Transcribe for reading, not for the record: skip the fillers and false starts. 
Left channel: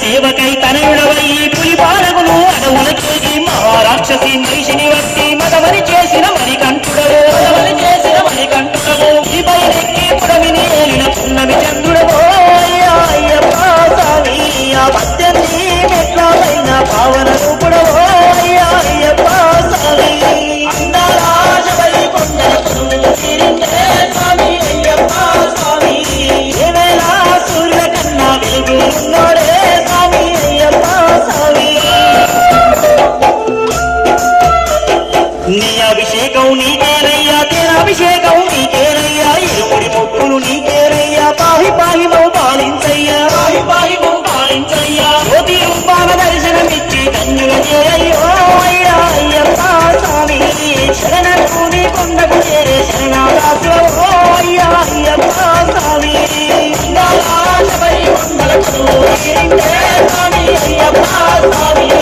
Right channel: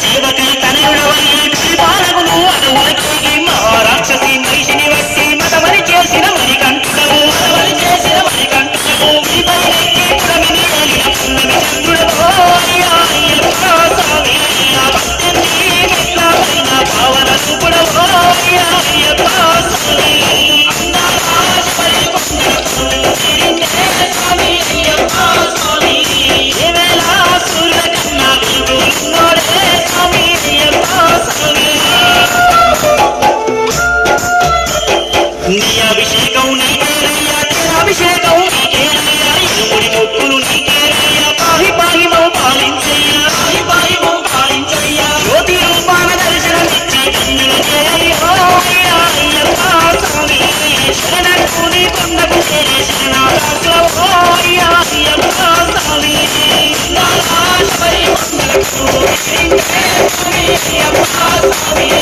సేవకై తనయుడవై పులిపాలకులు అడవులకేగి మహారాక్షసి మహిషిని వట్టి మతమని చేసిన మణికంఠుడవు పుడమిని ఏలిన పున్నమి చంద్రుడవో అయ్యప్ప స్వామి పద్దెనిమిది మెట్లపైన పావన రూపుడవో అయ్యప్ప స్వామి అందారాజపై కొండల స్వామి అయ్యప్ప స్వామి ఏవేళ సూర్యుల కన్నా వెలుగున్నోడే స్వామి అయ్యప్ప స్వామి నీ అభిషేకం నీకేనయ్యా తేనాభిషేకం నీకేనయ్యా ఇరుముడి మొక్కులు నీకేనయ్యా పాహి పాహి మో పాలించయ్యా జ్యోతి రూపాన దర్శనమిచ్చి ధన్యుల చేరయ్యో అయ్యప్ప స్వామి శరణకు నీ కొండకు చేరే శరణాదాసులవో అయ్యప్ప స్వామి స్వామి అయ్యప్ప స్వామి స్వామి